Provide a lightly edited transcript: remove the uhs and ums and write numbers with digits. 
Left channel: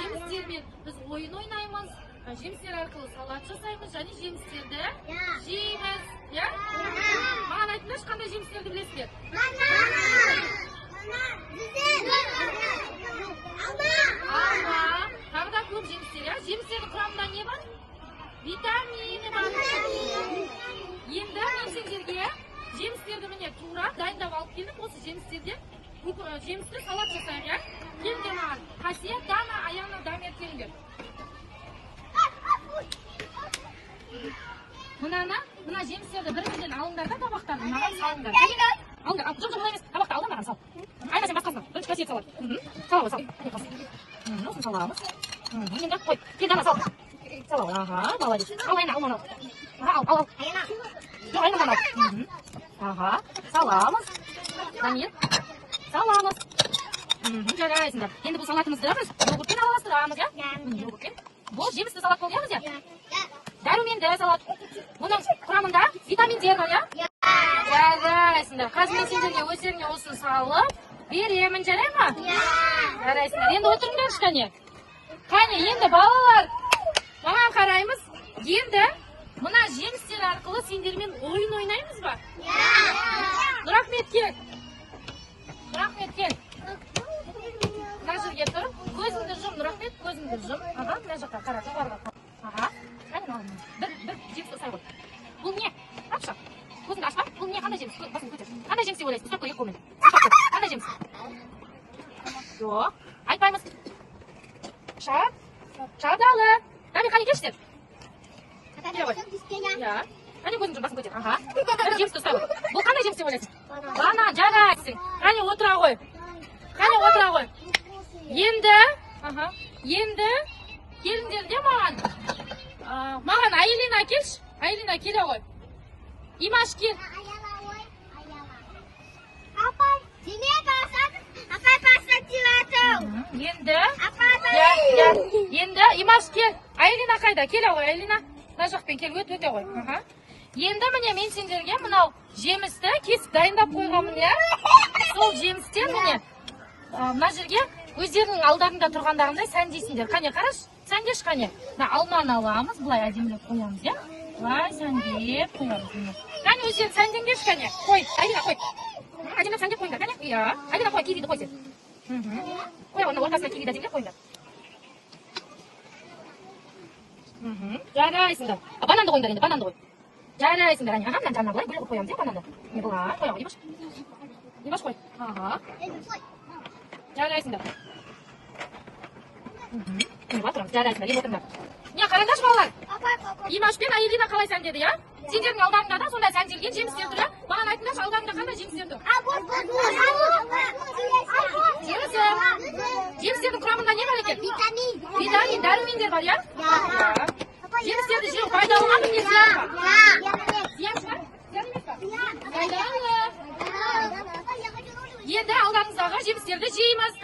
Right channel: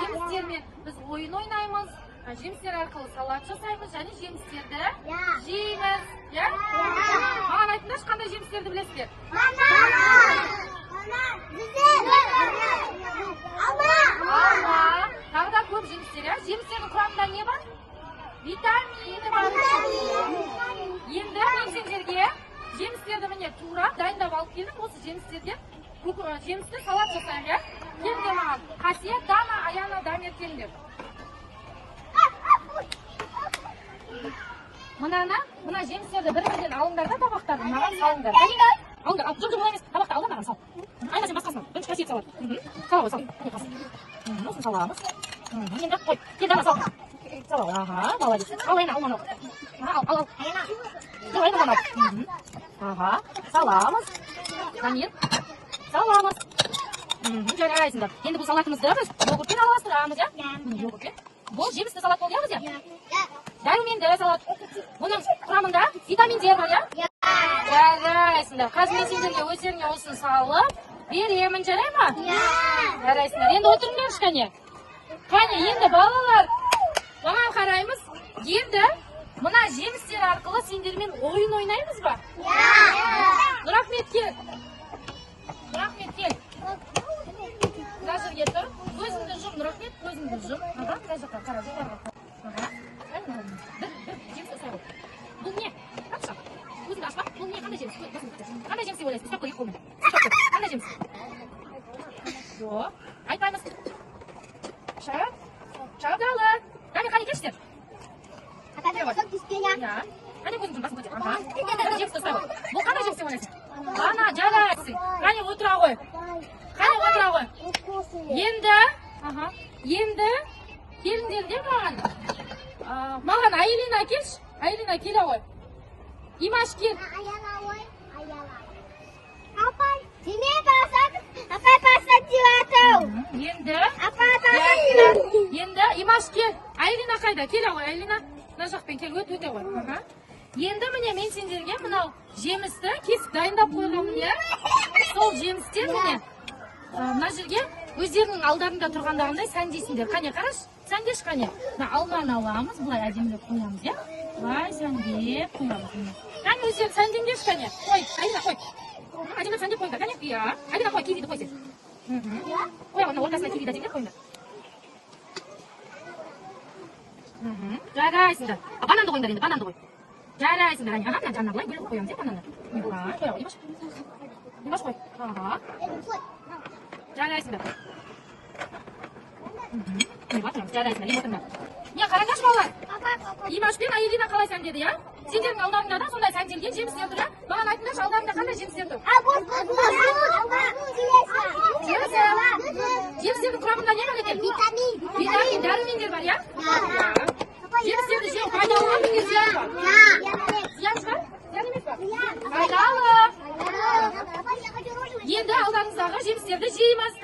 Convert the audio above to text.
жемістермен біз ойын ойнаймыз. Жемістер арқылы салат жасаймыз және жемістерді жейміз. Маған айтыңдаршы, қандай жемістерді білесіздер? Алма. Тағы да көп жемістер. Жемістердің құрамында не бар? Витамині бар. Енді мен сендерге жемістерді міне тура дайындап алып келдім. Осы жемістерден жемісті салат жасаймын. Келіңдер маған. Қасиет, Дана, Аяна, Дамир келіңдер. Мына жемістерді бір-бірден алыңдар да табақтарды маған салыңдар. Алыңдар, жоқ емес, табақты алда маған сал. Айна сен басқасына, бірінші қасиет салат. Сала ғой, сал. Осыны саламыз. Енді қой, кел Дана сал. Сала ғой, молодец. Ал Айна, ал мана. Ал. Айна мана. Саламыз. Дамир, саламыз. Жарайсыңдар. Енді бұл салатымызды біз йогуртпен араластырамыз, йогуртпен. Бұл жемісті салат болды, біз дәруменді салат. Бұның құрамында витаминдер бар, жарайсыңдар. Қазір мен сендерге өздеріңе осыны салып беремін, жарай ма? Жарайсыңдар. Енді отырыңдар кәне. Қане, енді балалар, маған қараймыз. Енді мына жемістер арқылы сендермен ойын ойнаймыз ба? Нұрахмет кел. Нұрахмет кел. Мына жерге тұр. Көзіңді жұм, Нұрахмет, көзіңді жұм. Мына жаққа қара, жоғарыға. Bir jemsi o'sadi. Bu ne? Topshaq. Ko'zini ochma. Bu ne? Qanday jems? Qanday jems deb o'ylaysiz? Ushlab qo'yib qo'ymaydi. Qanday jems? Yo'q. Aytmaymiz. Shadali. Qani qani kechdir? Qani ko'zingni bosib qo'ydi. Bir jems o'sadi. Bu qanday jems deb o'ylaysiz? Mana jaraysin. Qani o'tira qo'y. Qani o'tira qo'y. Endi kelinglar mаған. Маған Айлина келші. Айлина келе ғой. Имаш кел. Апай, сене басады. Апай басады деватыр. Енді Имаш кел. Айлина қайда? Келе ғой, Айлина. Мына жақпен кел, өте ғой. Енді міне мен сендерге мынау жемісті кесіп дайындап қойғанмын, сол жемістен міне мына жерге өздерінің алдарында тұрғандарындай сәндейсіңдер. Қане қараш? Сәндеш қане. Алманы аламыз, бұлай әдемілеп қоямыз, Бұлай сәндеп қоямыз. Қане өздерің сәндеңдеш қане. Қой, Айлина қой. Әдемілеп сәндеп қойыңдар, қане? Айлина қой, кивиді қой сен. Қой, оны ортасына кивиді әдемілеп қойыңдар. Жарайсыңдар. Бананды қойыңдар енді, бананды қой. Жарайсыңдар, мына жанына бұлай бөліп қоямыз, бананды. Бұлай, қой, Имаш қой. Жарайсыңдар. Жарайсыңдар, ең отырыңдар. Не, қараңдаршы балалар. Имаш пен Айлина қалай сәндеді, Сендердің алдарыңда да сондай сәнделген жемістер тұр, Маған айтыңдаршы, алдарыңда қандай жемістер тұр? Жемістердің құрамында не бар екен? Витамин, дәрумендер бар, Жемістерді жеу пайдалы ма, не зиян ба? Зиян ба? Зиян емес па? Пайдалы. Енді алдарыңыздағы жемістерді жейміз.